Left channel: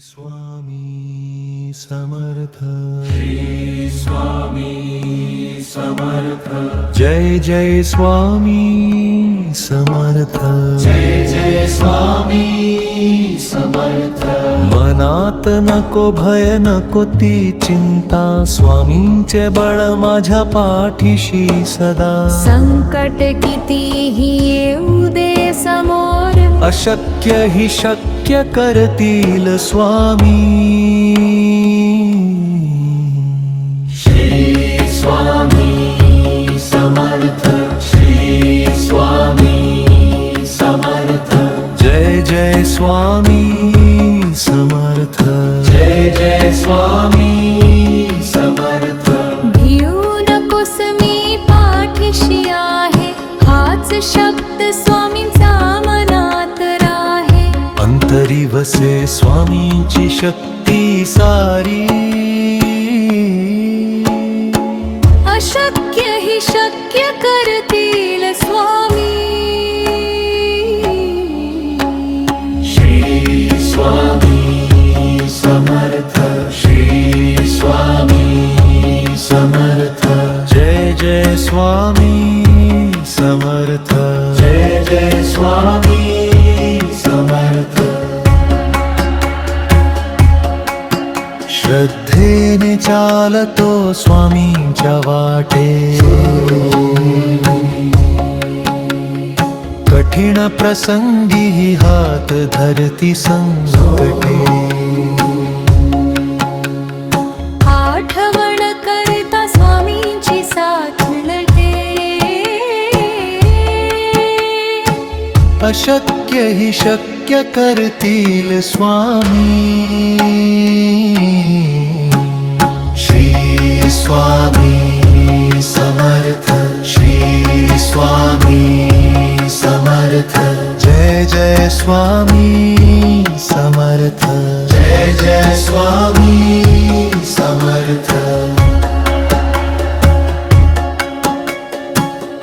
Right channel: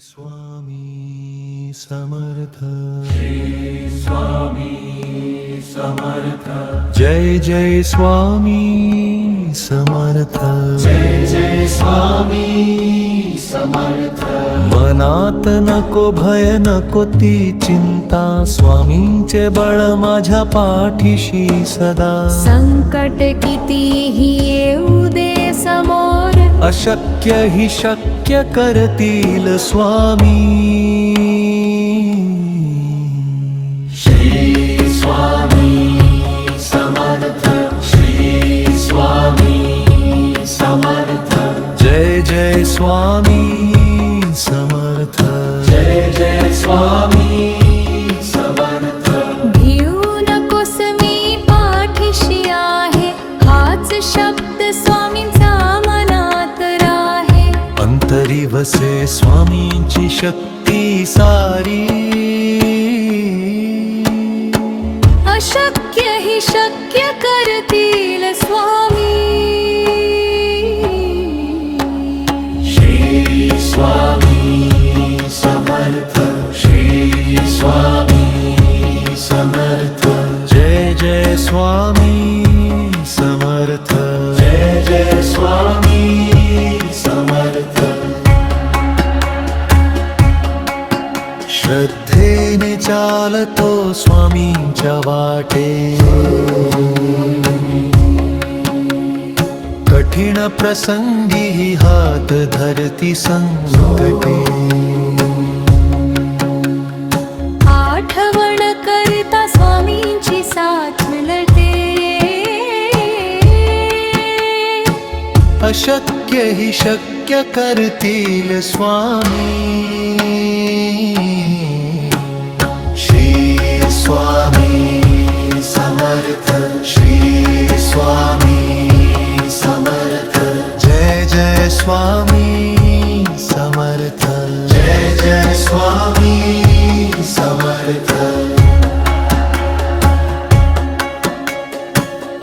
स्वामी समर्थ, श्री स्वामी समर्थ, जय जय स्वामी समर्थ, जय जय स्वामी समर्थ। मनात नको भय नको ती चिंता, स्वामींचे बळ माझ्या पाठीशी सदा। संकट कितीही येऊ दे समोर, अशक्य ही शक्य करतील स्वामी। श्री स्वामी समर्थ, श्री स्वामी समर्थ, जय जय स्वामी समर्थ, जय जय स्वामी समर्थ। भिऊ नकोस मी पाठीशी आहे, हाच शब्द स्वामींचा मनात राहे। अंतरी वसे स्वामींची शक्ती सारी, अशक्य ही शक्य करतील स्वामी। श्री स्वामी समर्थ, श्री स्वामी समर्थ, जय जय स्वामी समर्थ, जय जय स्वामी समर्थ। श्रद्धेने चालतो स्वामींच्या वाटे, कठीण प्रसंगी हात धरती संकटे। आठवण करता स्वामींची साथ मिळते, अशक्य ही शक्य करतील स्वामी। श्री स्वामी समर्थ, श्री स्वामी समर्थ, जय जय स्वामी समर्थ, जय जय स्वामी समर्थ।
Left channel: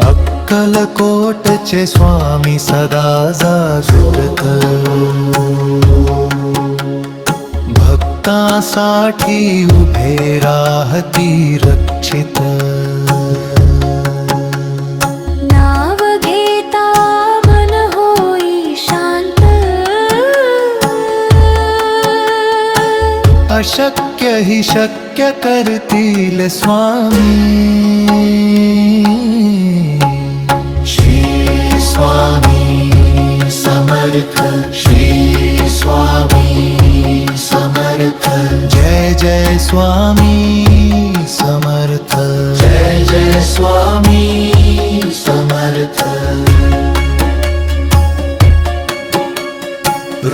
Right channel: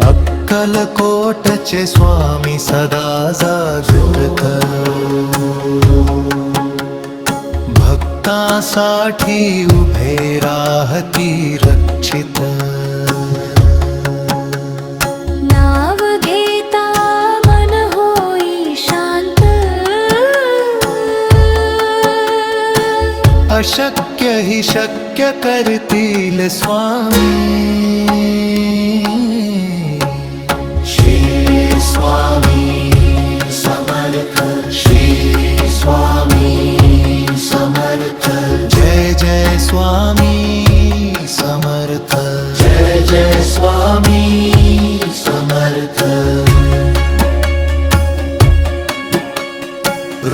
अक्कलकोटचे स्वामी सदा जागृत, भक्तासाठी उभे राहती रक्षित। नाव घेता मन होई शांत, अशक्य ही शक्य करतील स्वामी। श्री स्वामी समर्थ, श्री स्वामी समर्थ, जय जय स्वामी समर्थ, जय जय स्वामी समर्थ।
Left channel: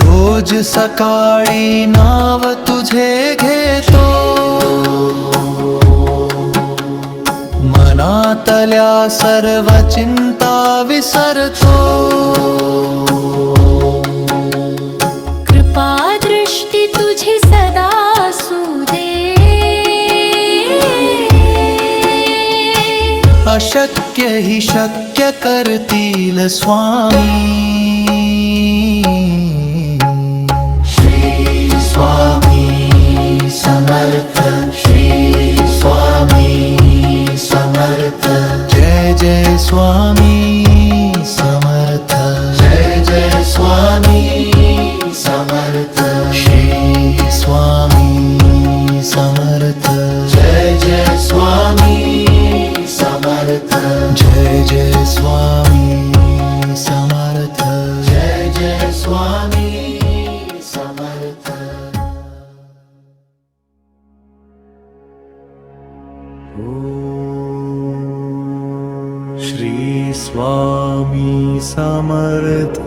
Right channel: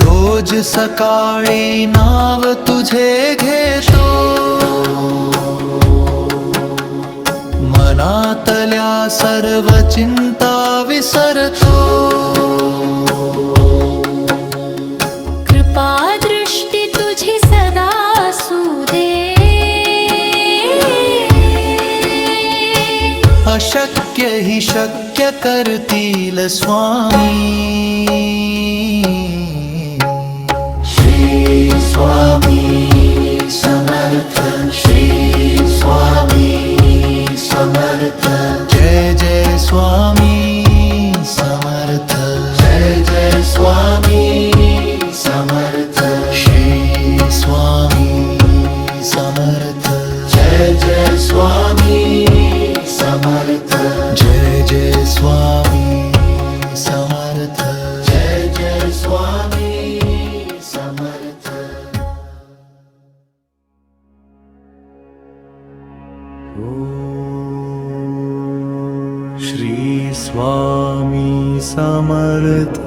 रोज सकाळी नाव तुझे घेतो, मनातल्या सर्व चिंता विसरतो। कृपा दृष्टी तुझी सदा असू दे, अशक्य ही शक्य करतील स्वामी। श्री स्वामी समर्थ, श्री स्वामी समर्थ, जय जय स्वामी समर्थ, जय जय स्वामी समर्थ। श्री स्वामी समर्थ, जय जय स्वामी समर्थ, जय जय स्वामी समर्थ, जय जय स्वामी समर्थ। श्री स्वामी समर्थ,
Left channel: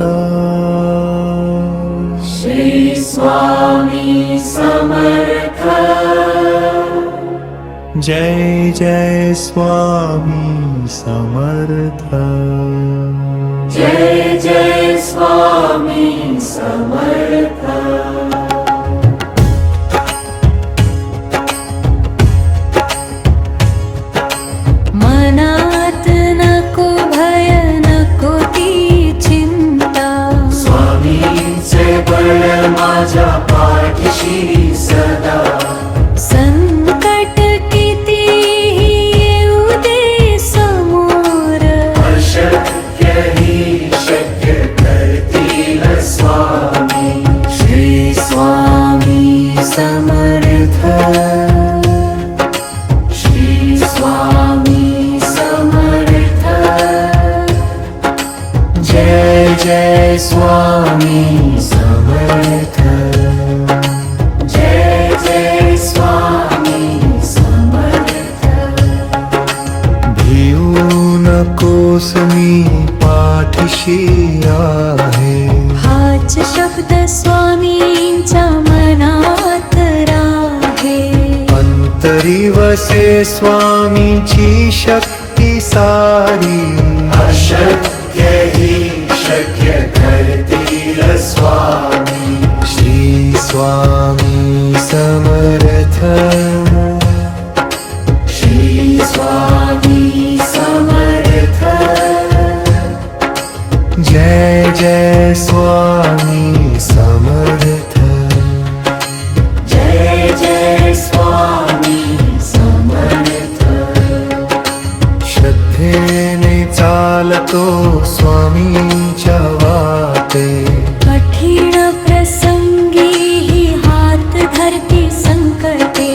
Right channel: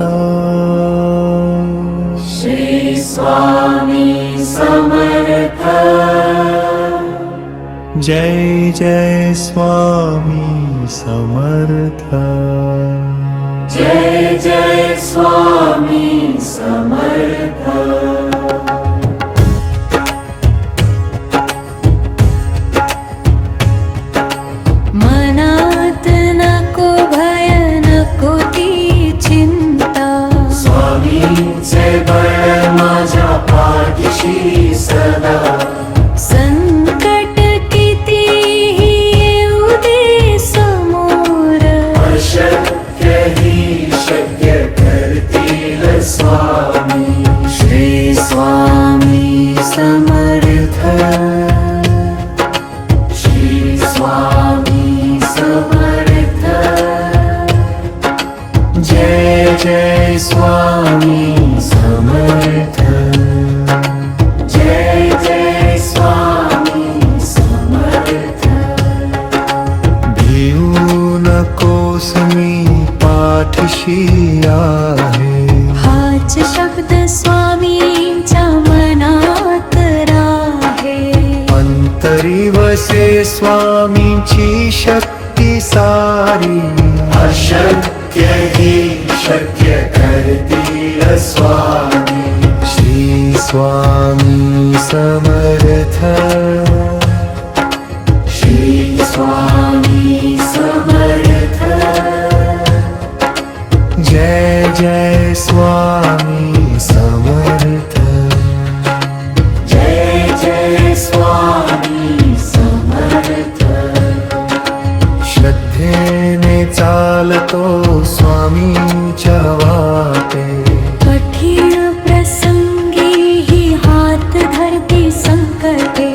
श्री स्वामी समर्थ, जय जय स्वामी समर्थ, जय जय स्वामी समर्थ। मनात नको भय नको ती चिंता, स्वामींचे बळ माझ्या पाय पाठीशी सदा संकट कितीही येऊ दे समोर अशक्यही शक्य करतील स्वामी श्री स्वामी समर्थ श्री स्वामी समर्थ जय जय स्वामी समर्थ जय जय स्वामी समर्थ भिऊ नकोस मी पाठीशी आहे हाच शब्द स्वामींच्या मनात राहे अंतरी वसे स्वामींची शक्ती सारी अशक्यही शक्य करतील स्वामी श्री स्वामी समर्थ श्री स्वामी समर्थ जय जय स्वामी समर्थ जय जय स्वामी समर्थ श्रद्धेने चालतो स्वामींच्या वाटे कठीण प्रसंगीही हात धरती संकटे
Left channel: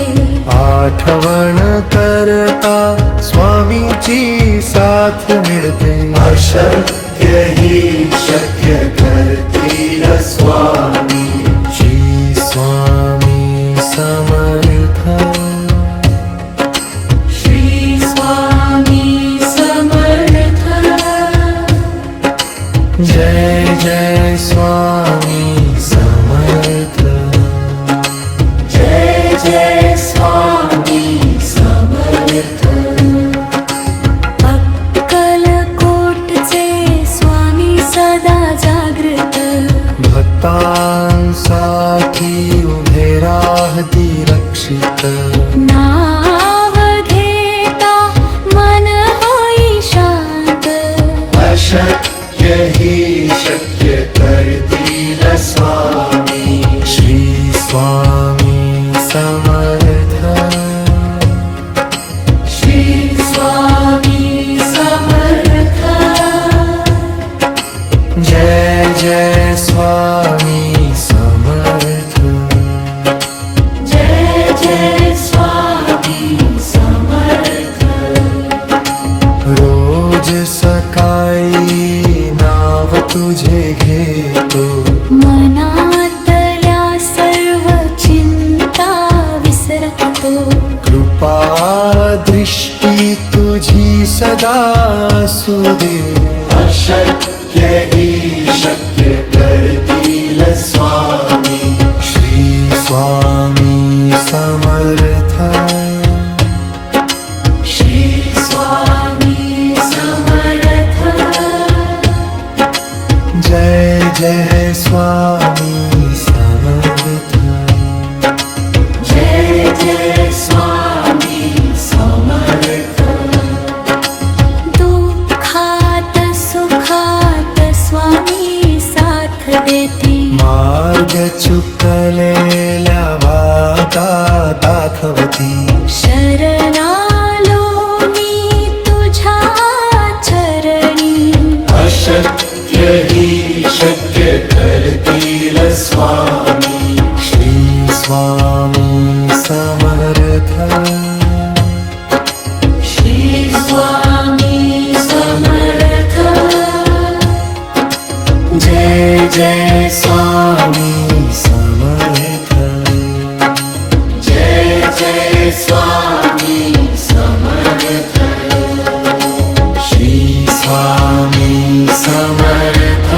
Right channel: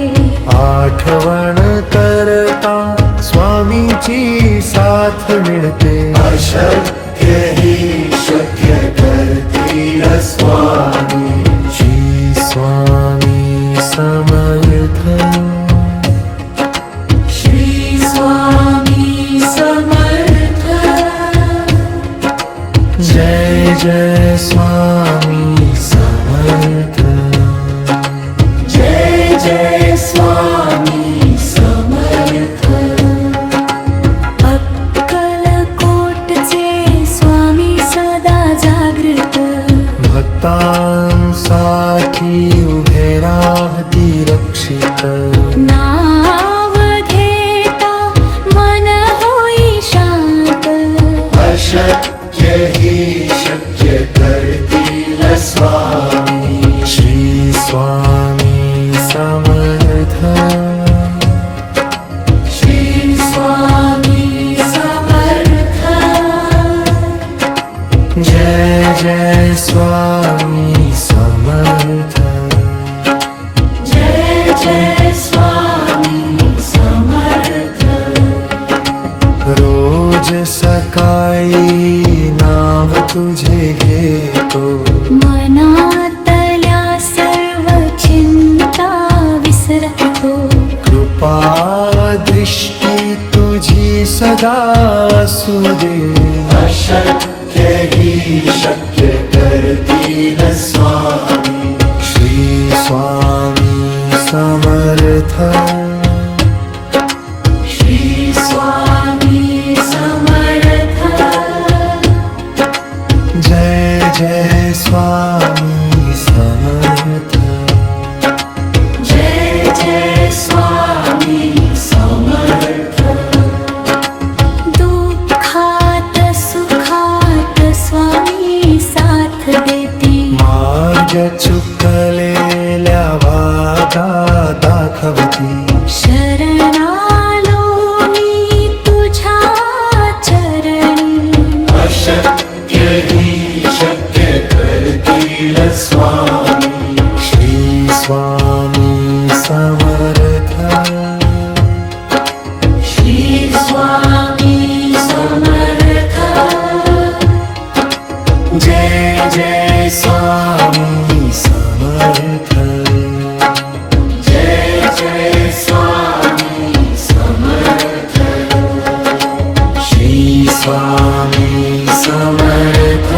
आठवण करता स्वामींची साथ मिळते अशक्यही शक्य करतील स्वामी श्री स्वामी समर्थ श्री स्वामी समर्थ जय जय स्वामी समर्थ जय जय स्वामी समर्थ अक्कलकोटचे स्वामी सदा जागृत भक्तांसाठी उभे राहती रक्षित नाव घेता मन होई शांत अशक्यही शक्य करतील स्वामी श्री स्वामी समर्थ श्री स्वामी समर्थ जय जय स्वामी समर्थ जय जय स्वामी समर्थ रोज सकाळी नाव तुझे घेतो मनातल्या सर्व चिंता विसरतो कृपा दृष्टी तुझी सदा असू दे अशक्यही शक्य करतील स्वामी श्री स्वामी समर्थ श्री स्वामी समर्थ जय जय स्वामी समर्थ जय जय स्वामी समर्थ दुःखात सुखात स्वामी साथ देती मार्ग चुकलेल्या वादा दाखवती शरणालो मी तुझ्या चरणी अशक्यही शक्य करतील स्वामी श्री स्वामी समर्थ श्री स्वामी समर्थ जय जय स्वामी समर्थ जय जय स्वामी समर्थ श्री स्वामी समर्थ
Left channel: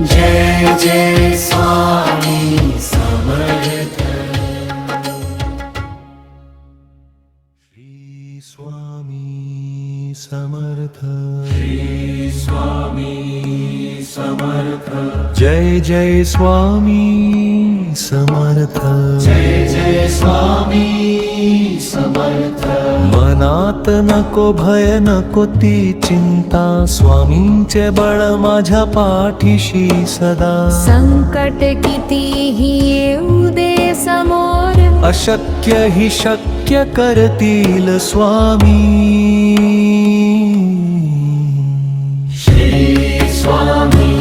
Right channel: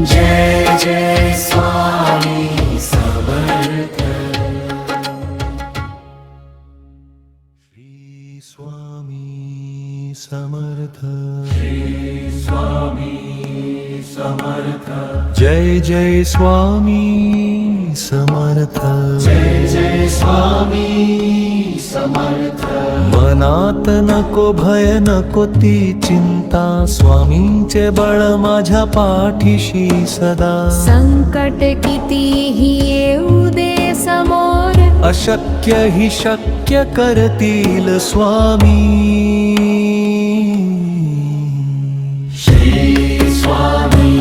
जय जय स्वामी समर्थ श्री स्वामी समर्थ श्री स्वामी समर्थ जय जय स्वामी समर्थ. जय जय स्वामी समर्थ. मनात नको भय नको ती चिंता, स्वामींचे बळ माझ्या पाठीशी सदा. संकट कितीही येऊ दे समोर, अशक्य ही शक्य करतील स्वामी. श्री स्वामी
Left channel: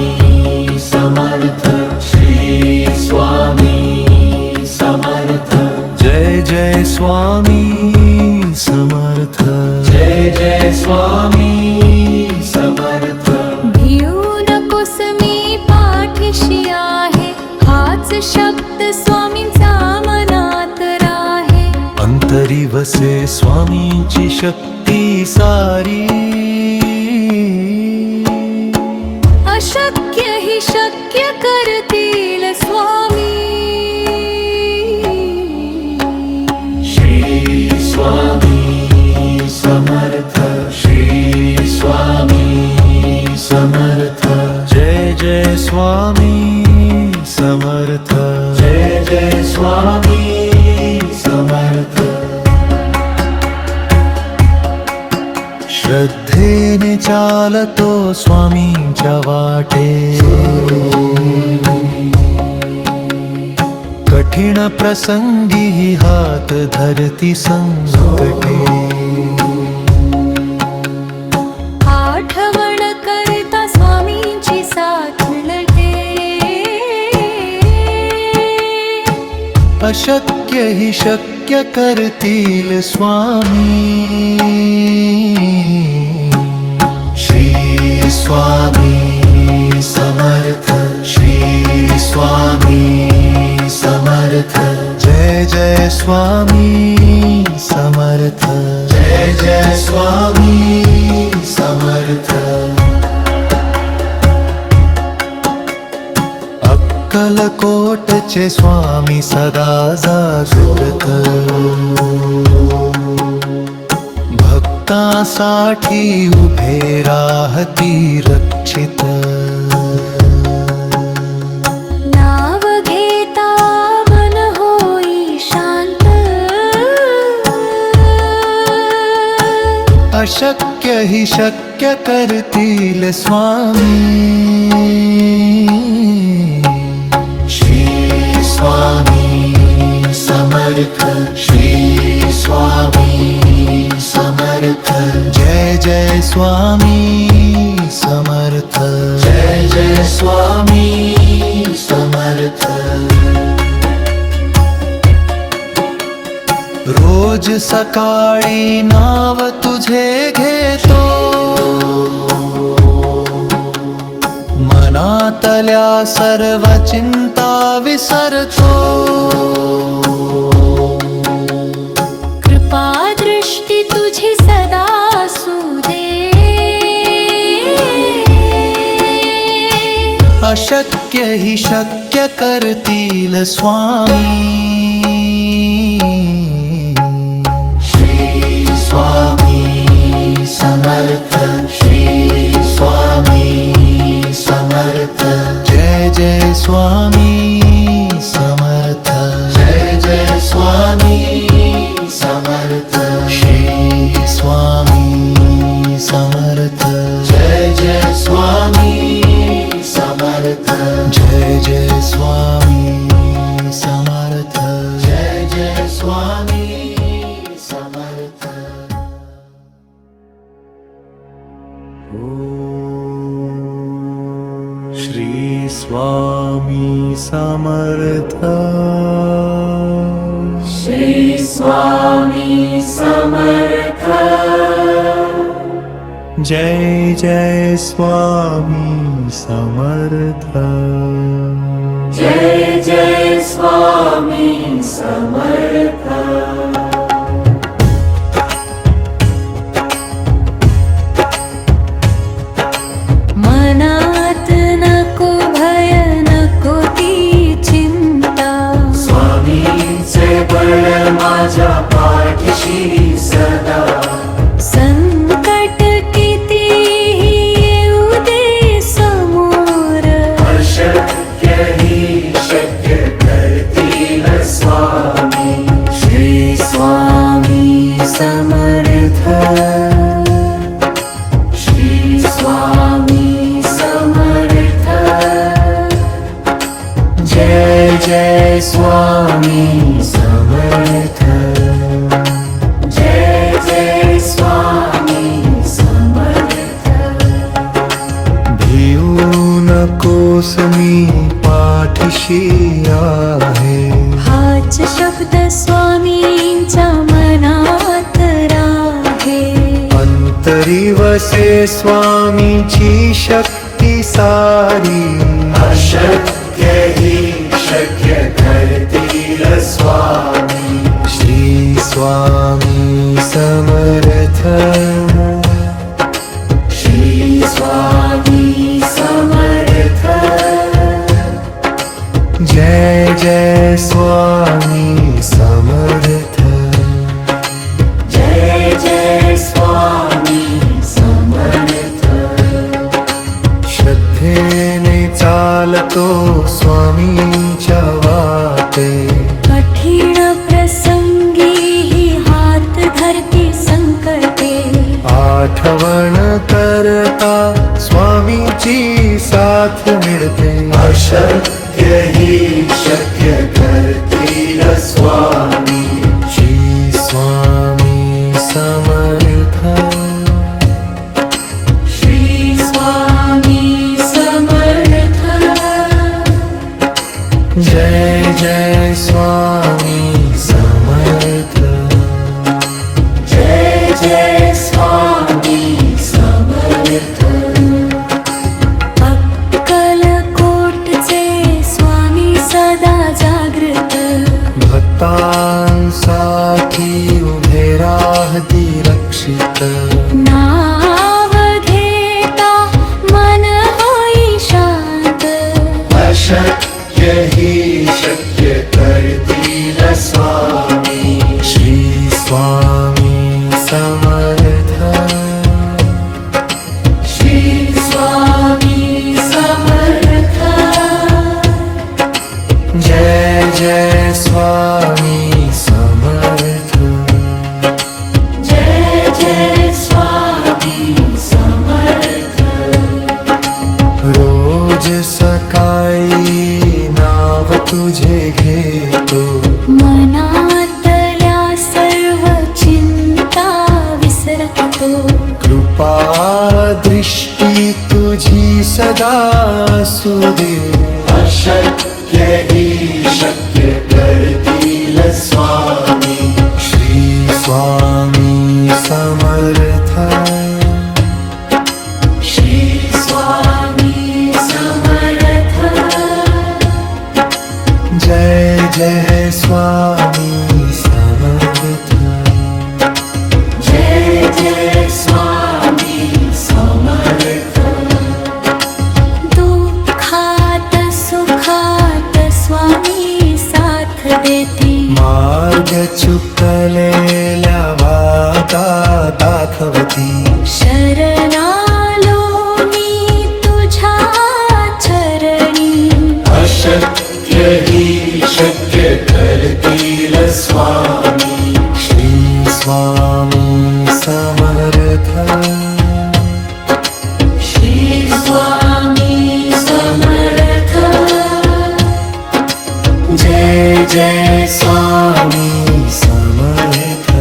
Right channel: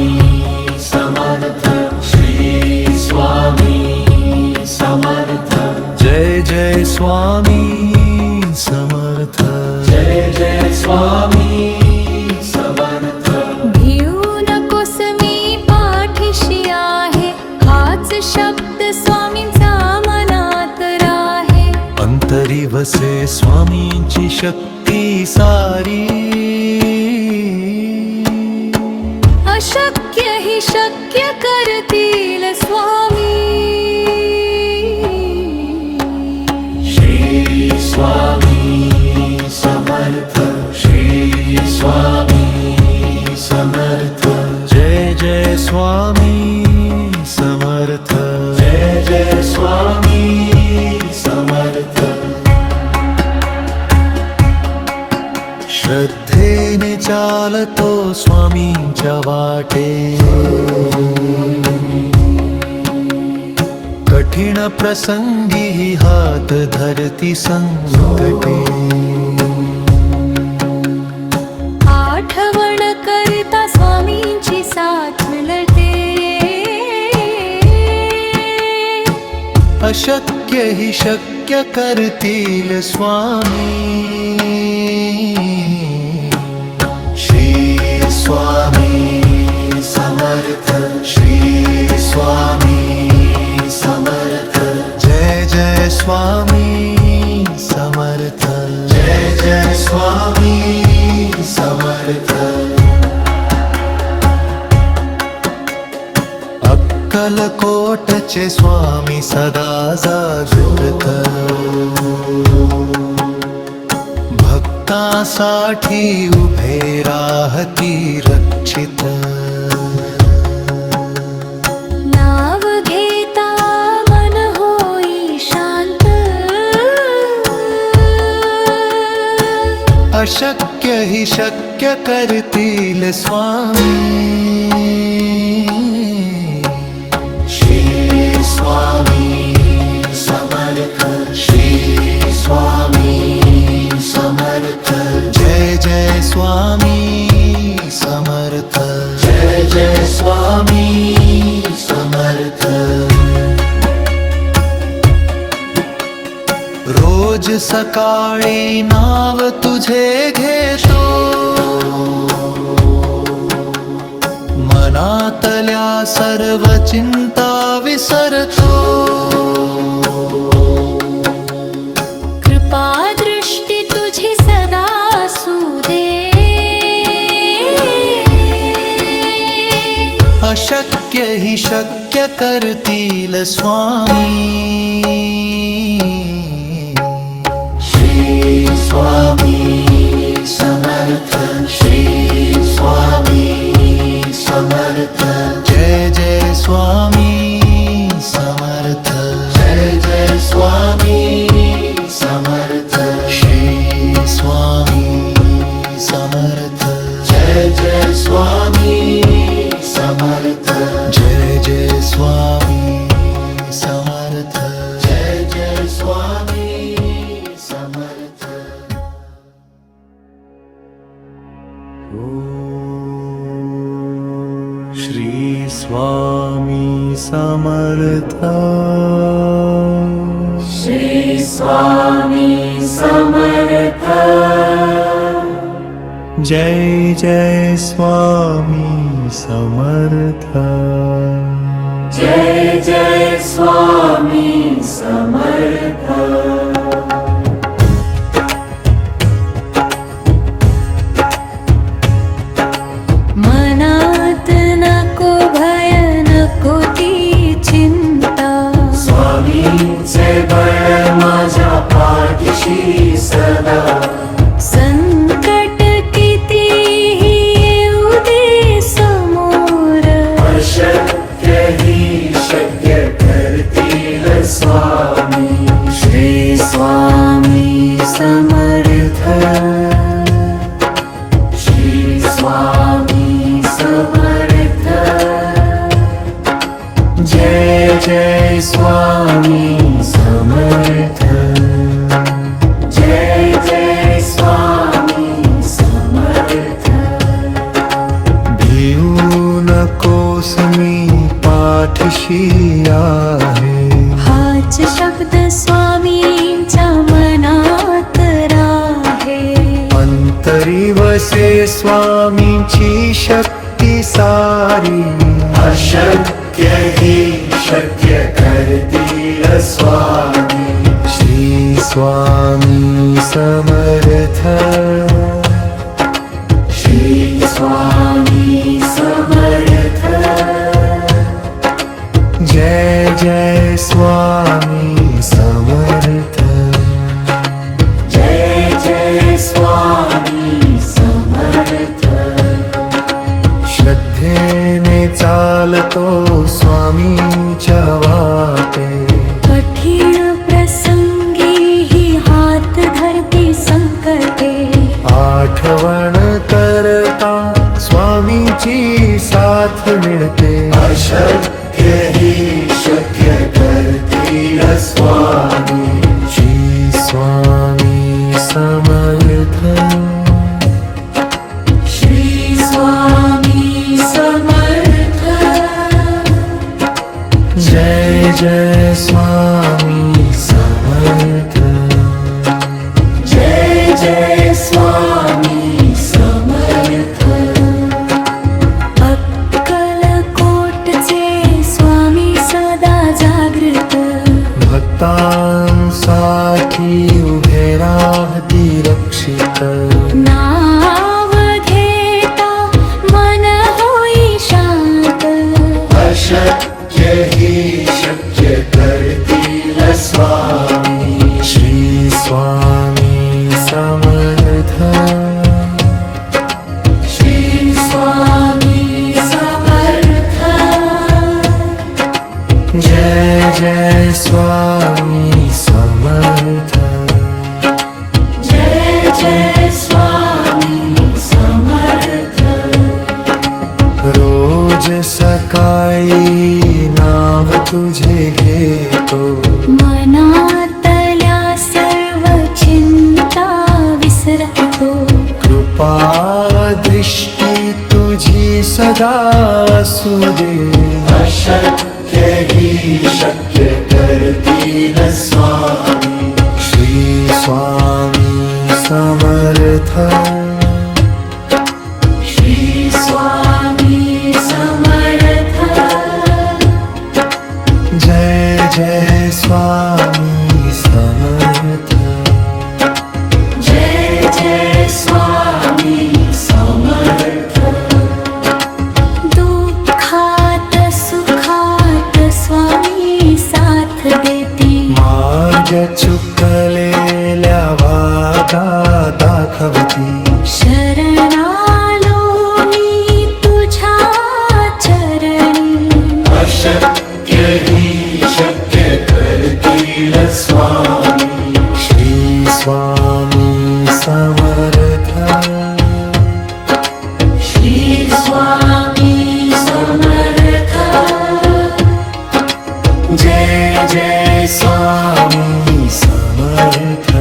समर्थ. श्री स्वामी समर्थ. जय जय स्वामी समर्थ. जय जय स्वामी समर्थ. भिऊ नकोस मी पाठीशी आहे, हाच शब्द स्वामींचा मनात राहे. अंतरी वसे स्वामींची शक्ती सारी, अशक्य ही शक्य करतील स्वामी. श्री स्वामी समर्थ. श्री स्वामी समर्थ. जय जय स्वामी समर्थ. जय जय स्वामी समर्थ. श्रद्धेने चालतो स्वामींच्या वाटे, कठीण प्रसंगी हात धरती संकटे. आठवण करता स्वामींची साथ मिळते, अशक्य ही शक्य करतील स्वामी. श्री स्वामी समर्थ. श्री स्वामी समर्थ. जय जय स्वामी समर्थ. जय जय स्वामी समर्थ. अक्कलकोटचे स्वामी सदा जागृत, भक्तासाठी उभे राहती रक्षित. नाव घेता मन होई शांत, अशक्य ही शक्य करतील स्वामी. श्री स्वामी समर्थ. श्री स्वामी समर्थ. जय जय स्वामी समर्थ. जय जय स्वामी समर्थ. रोज सकाळी नाव तुझे घेतो, मनातल्या सर्व चिंता विसरतो. कृपा दृष्टी तुझी सदा असू दे, अशक्य ही शक्य करतील स्वामी. श्री स्वामी समर्थ. श्री स्वामी समर्थ. जय जय स्वामी समर्थ. जय जय स्वामी समर्थ. श्री स्वामी समर्थ. जय जय स्वामी समर्थ. जय जय स्वामी समर्थ. जय जय स्वामी समर्थ. श्री स्वामी समर्थ. श्री स्वामी समर्थ. जय जय स्वामी समर्थ. जय जय स्वामी समर्थ. मनात नको भय नको ती चिंता, स्वामींचे बळ माझ्या पाठीशी सदा. संकट कितीही येऊ दे समोर, अशक्य जय जय स्वामी समर्थ जय जय स्वामी समर्थ भिऊ नकोस मी पाठीशी आहे हाच शब्द स्वामींच्या मनात राहे अंतरी वसे स्वामींची शक्ती सारी अशक्य ही शक्य करतील स्वामी श्री स्वामी समर्थ श्री स्वामी समर्थ जय जय स्वामी समर्थ जय जय स्वामी समर्थ श्रद्धेने चालतो स्वामींच्या वाटे कठीण प्रसंगी हात धरती संकटे आठवण करता स्वामींची साथ मिळते अशक्य ही शक्य करतील स्वामी श्री स्वामी समर्थ श्री स्वामी समर्थ जय जय स्वामी समर्थ जय जय स्वामी समर्थ अक्कलकोटचे स्वामी सदा जागृत भक्तांसाठी उभे राहती रक्षित नाव घेता मन होई शांत अशक्य ही शक्य करतील स्वामी श्री स्वामी समर्थ श्री स्वामी समर्थ जय जय स्वामी समर्थ जय जय स्वामी समर्थ रोज सकाळी नाव तुझे घेतो मनातल्या सर्व चिंता विसरतो कृपा दृष्टी तुझी सदा असू दे अशक्य ही शक्य करतील स्वामी श्री स्वामी समर्थ श्री स्वामी समर्थ जय जय स्वामी समर्थ जय जय स्वामी समर्थ दुःखात सुखात स्वामी साथ देती मार्ग चुकलेल्या वादा दाखवती शरणालो मी तुझ्या चरणी अशक्य ही शक्य करतील स्वामी श्री स्वामी समर्थ श्री स्वामी समर्थ जय जय स्वामी समर्थ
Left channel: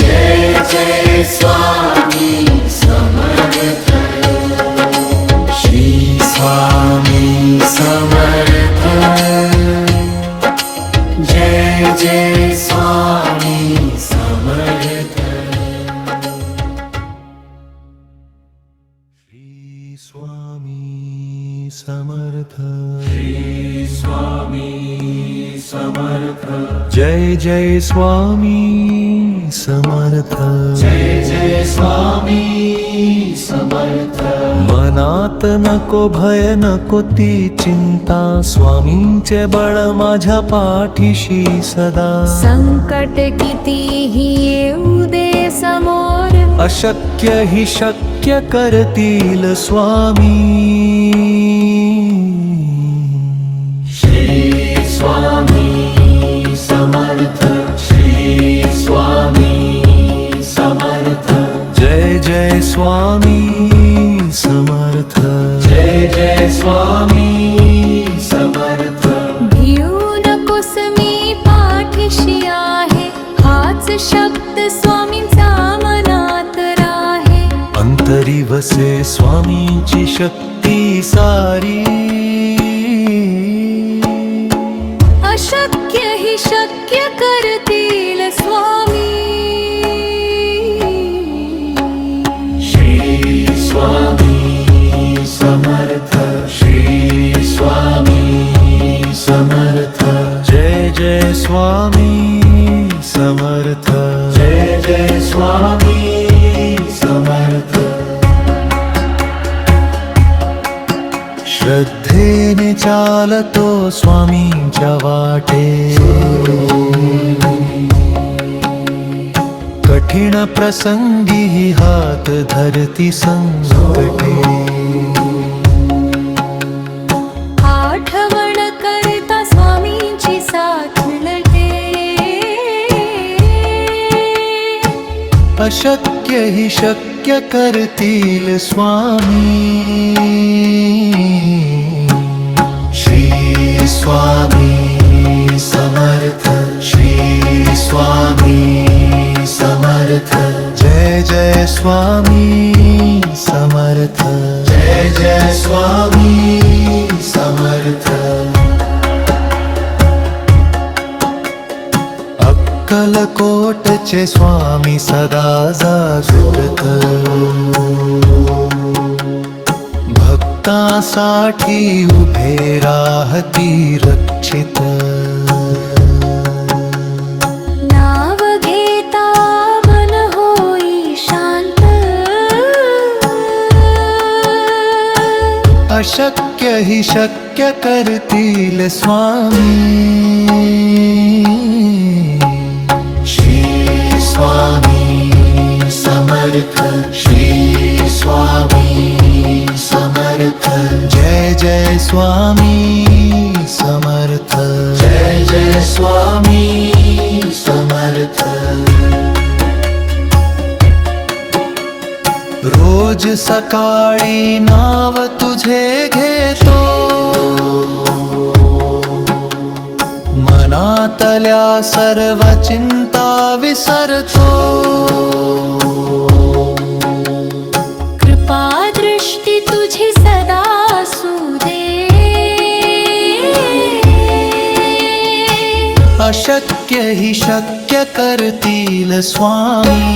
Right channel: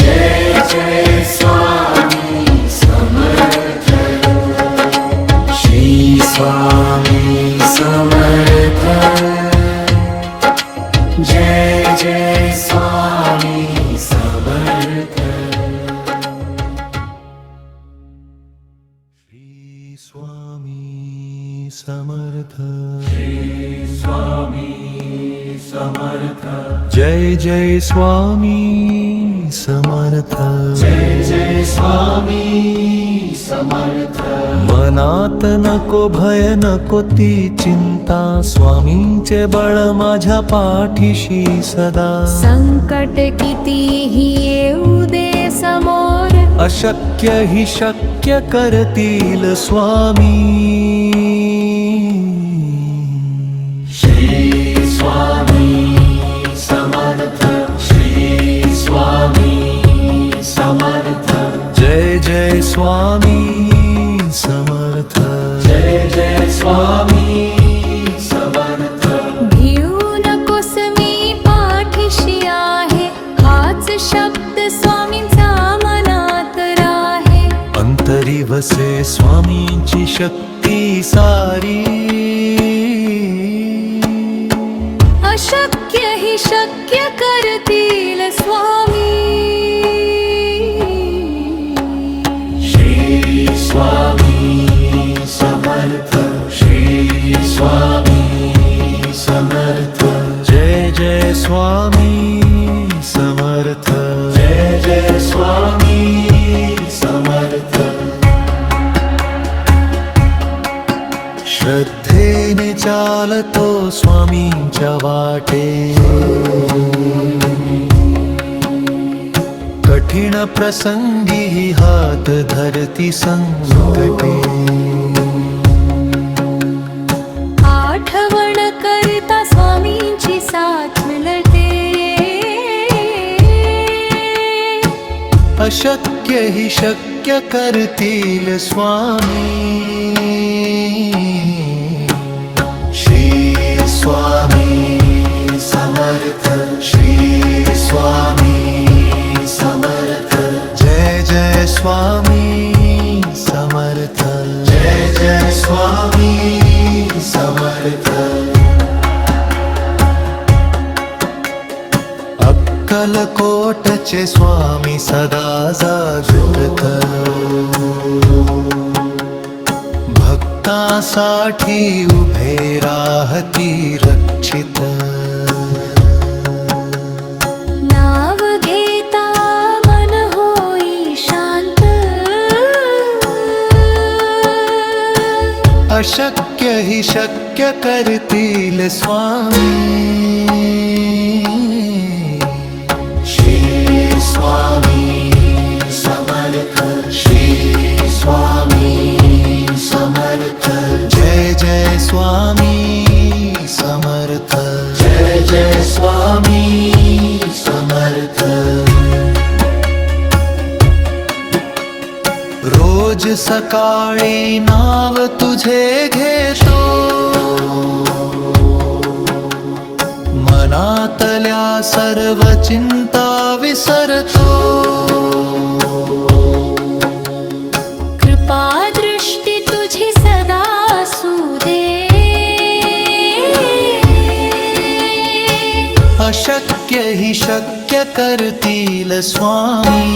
जय जय स्वामी समर्थ श्री स्वामी समर्थ जय जय स्वामी समर्थ श्री स्वामी समर्थ स्वामी समर्थ जय जय स्वामी समर्थ जय जय स्वामी समर्थ मनात नको भय नको ती चिंता स्वामींचे बळ माझ्या पाठीशी सदा संकट कितीही येऊ दे समोर अशक्य ही शक्य करतील स्वामी श्री स्वामी समर्थ श्री स्वामी समर्थ जय जय स्वामी समर्थ जय जय स्वामी समर्थ वसे स्वामींची शक्ती सारी, अशक्य ही शक्य करतील स्वामी. श्री स्वामी समर्थ, श्री स्वामी समर्थ. जय जय स्वामी समर्थ. जय जय स्वामी समर्थ. श्रद्धेने चालतो स्वामींच्या वाटे, कठीण प्रसंगी हात धरती संकटे. आठवण करता स्वामींची साथ मिळते, अशक्य ही शक्य करतील स्वामी. श्री स्वामी समर्थ, श्री स्वामी समर्थ. जय जय स्वामी समर्थ. जय जय स्वामी समर्थ. अक्कलकोटचे स्वामी सदा जागृत, भक्तांसाठी उभे राहती रक्षित. नाव घेता मन होई शांत, अशक्य ही शक्य करतील स्वामी. श्री स्वामी समर्थ, श्री स्वामी समर्थ. जय जय स्वामी समर्थ. जय जय स्वामी समर्थ. रोज सकाळी नाव तुझे घेतो, मनातल्या सर्व चिंता विसरतो. कृपा दृष्टी तुझी सदा असू दे, अशक्य ही शक्य करतील स्वामी.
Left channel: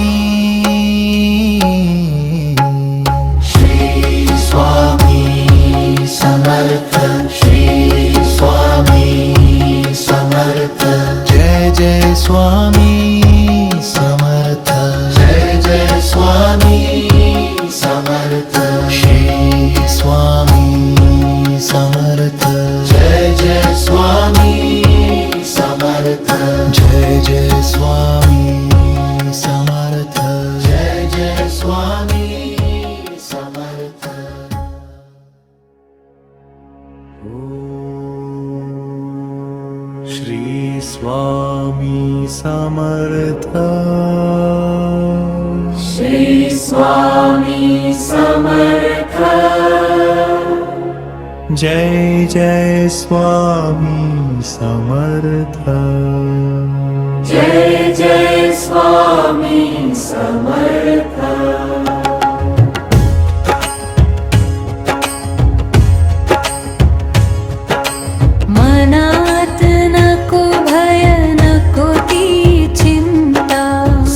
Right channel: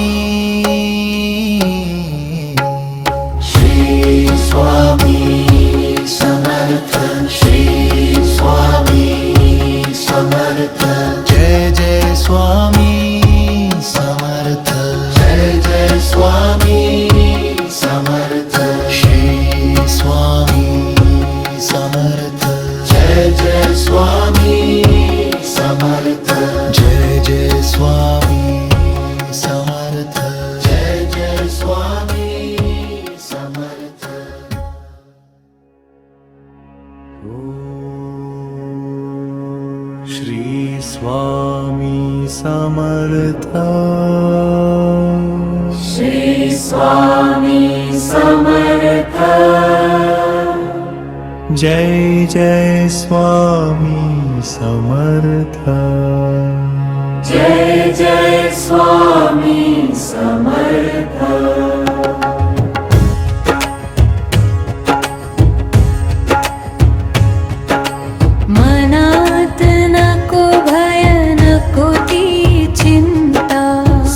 श्री स्वामी समर्थ, श्री स्वामी समर्थ. जय जय स्वामी समर्थ. जय जय स्वामी समर्थ. श्री स्वामी समर्थ. जय जय स्वामी समर्थ. जय जय स्वामी समर्थ. जय जय स्वामी समर्थ. श्री स्वामी समर्थ. श्री स्वामी समर्थ. जय जय स्वामी समर्थ. जय जय स्वामी समर्थ. मनात नको भय नको ती चिंता,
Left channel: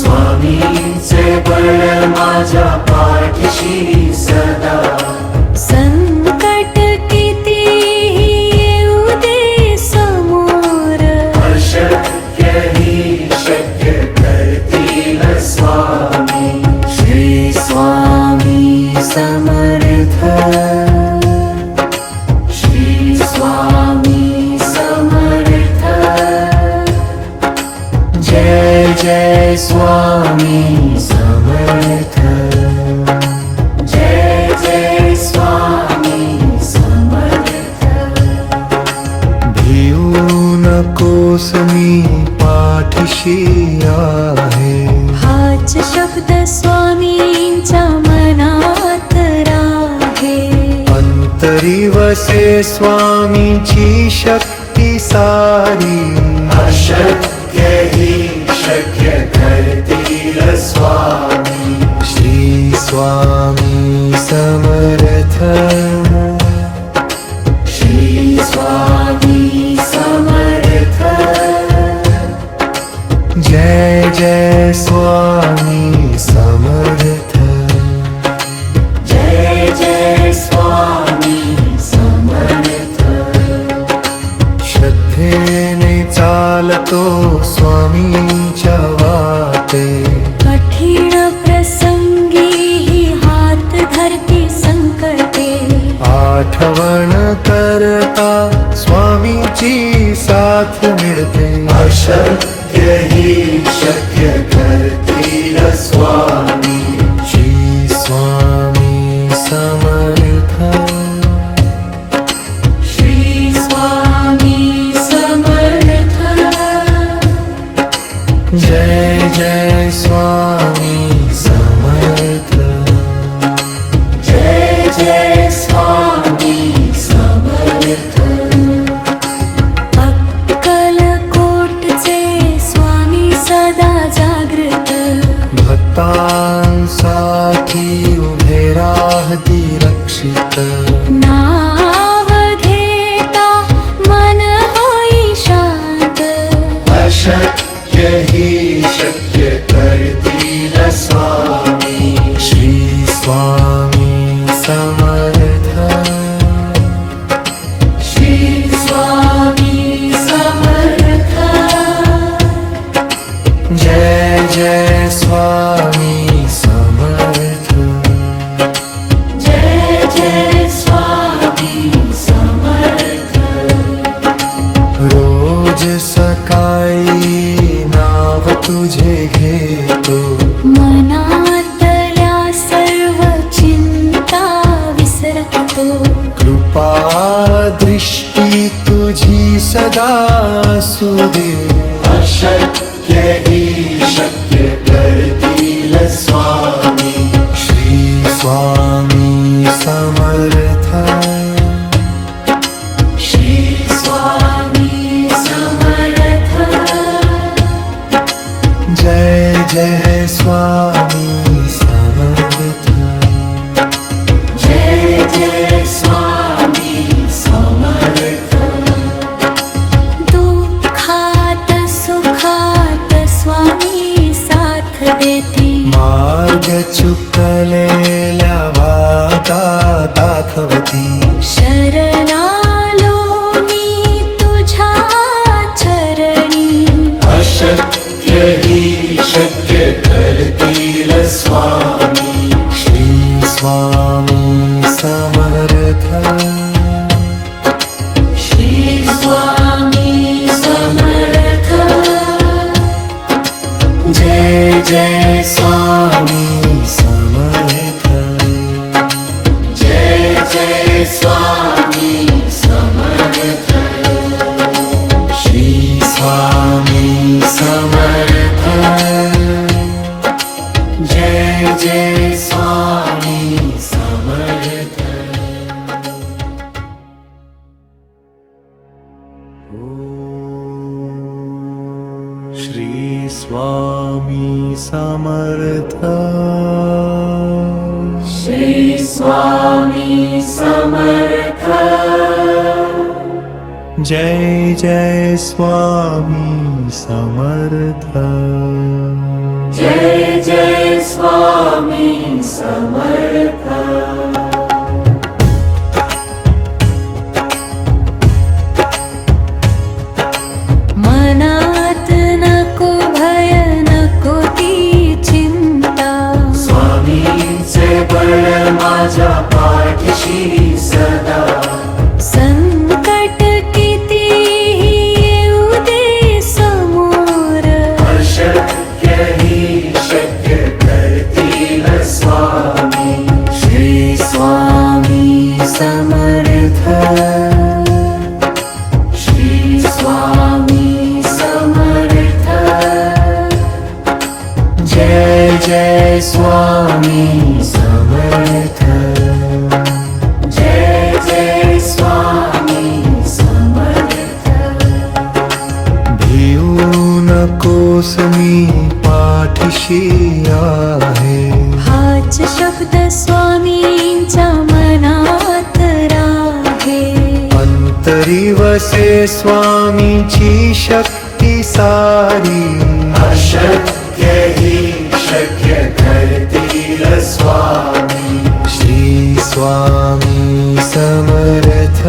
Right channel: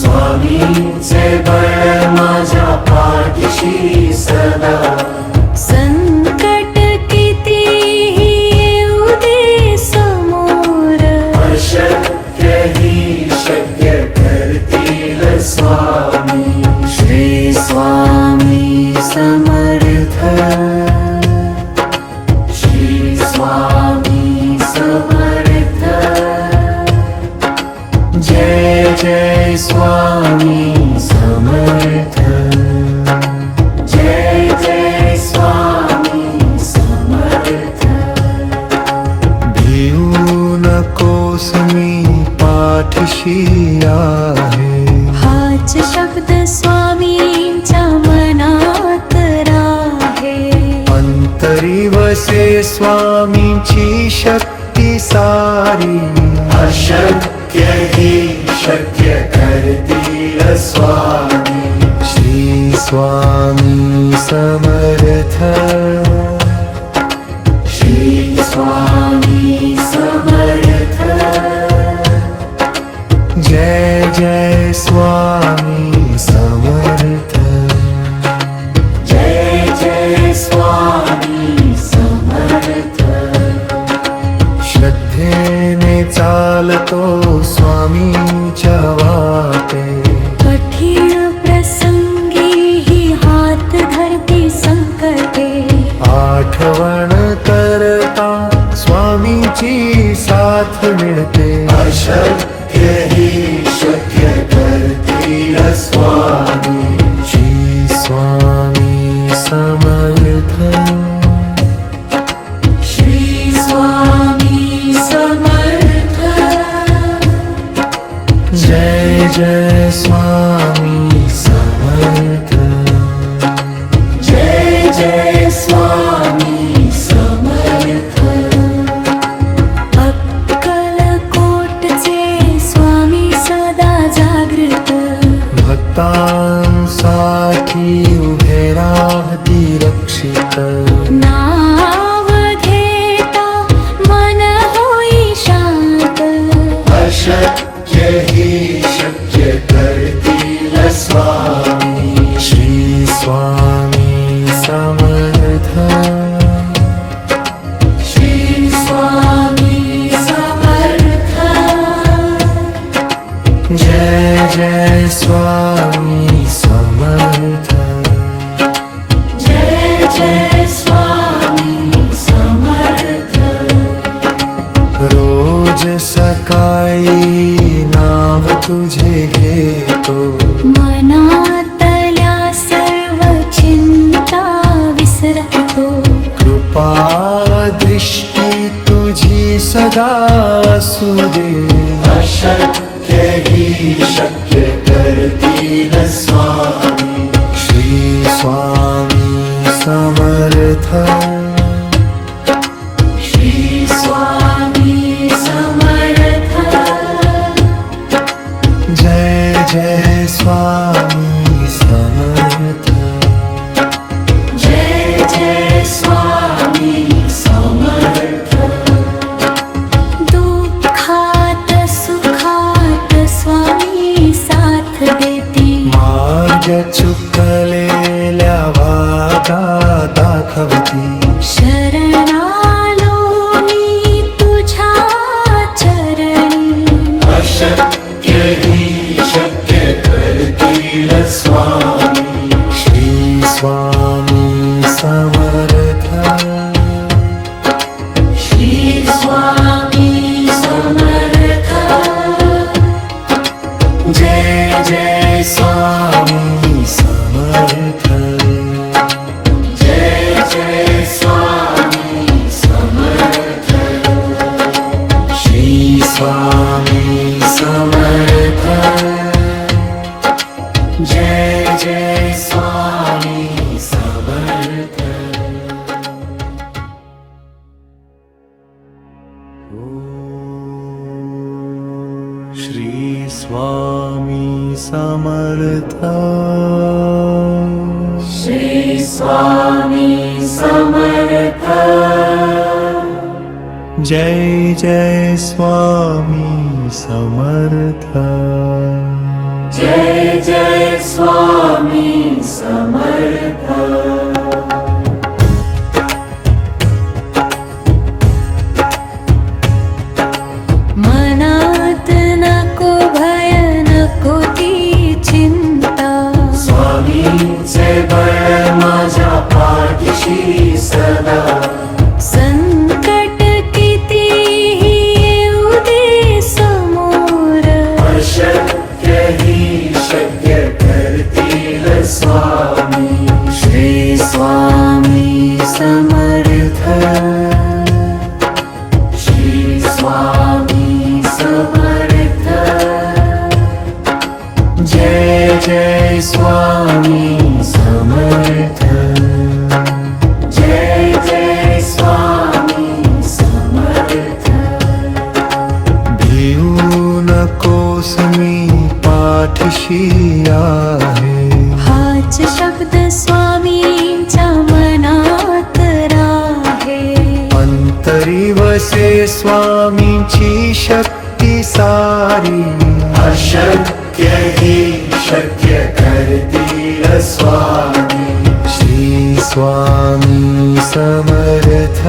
स्वामींचे बळ माझ्या पाठीशी सदा. संकट कितीही येऊ दे समोर, अशक्य ही शक्य करतील स्वामी. श्री स्वामी समर्थ. श्री स्वामी समर्थ. जय जय स्वामी समर्थ. जय जय स्वामी समर्थ. भिऊ नकोस मी पाठीशी आहे, हाच शब्द स्वामींच्या मनात राहे. अंतरी वसे स्वामींची शक्ती सारी, अशक्य ही शक्य करतील स्वामी. श्री स्वामी समर्थ श्री स्वामी समर्थ जय जय स्वामी समर्थ जय जय स्वामी समर्थ श्रद्धेने चालतो स्वामींच्या वाटे कठीण प्रसंगी ही हात धरती संकटे आठवण करता स्वामींची साथ मिळते अशक्य ही शक्य करतील स्वामी श्री स्वामी समर्थ श्री स्वामी समर्थ जय जय स्वामी समर्थ जय जय स्वामी समर्थ अक्कलकोटचे स्वामी सदा जागृत भक्तांसाठी उभे राहती रक्षित नाव घेता मन होई शांत अशक्य ही शक्य करतील स्वामी श्री स्वामी समर्थ श्री स्वामी समर्थ जय जय स्वामी समर्थ जय जय स्वामी समर्थ रोज सकाळी नाव तुझे घेतो मनातल्या सर्व चिंता विसरतो कृपा दृष्टी तुझी सदा असू दे अशक्य ही शक्य करतील स्वामी श्री स्वामी समर्थ श्री स्वामी समर्थ जय जय स्वामी समर्थ जय जय स्वामी समर्थ दुःखात सुखात स्वामी साथ देती मार्ग चुकलेल्या वादा दाखवती शरणालो मी तुझ्या चरणी अशक्य ही शक्य करतील स्वामी श्री स्वामी समर्थ श्री स्वामी समर्थ जय जय स्वामी समर्थ जय जय स्वामी समर्थ श्री स्वामी समर्थ जय जय स्वामी समर्थ श्री स्वामी समर्थ श्री स्वामी समर्थ जय जय स्वामी समर्थ जय जय स्वामी समर्थ मनात नको भय नको ती चिंता स्वामींचे बळ माझ्या पाठीशी सदा संकट कितीही येऊ दे समोर अशक्य ही शक्य करतील स्वामी श्री स्वामी समर्थ श्री स्वामी समर्थ जय जय स्वामी समर्थ जय जय स्वामी समर्थ भिऊ नकोस मी पाठीशी आहे हाय हाच शब्द स्वामींच्या मनात राहे. अंतरी वसे स्वामींची शक्ती सारी. अशक्य ही शक्य करतील स्वामी. श्री स्वामी समर्थ.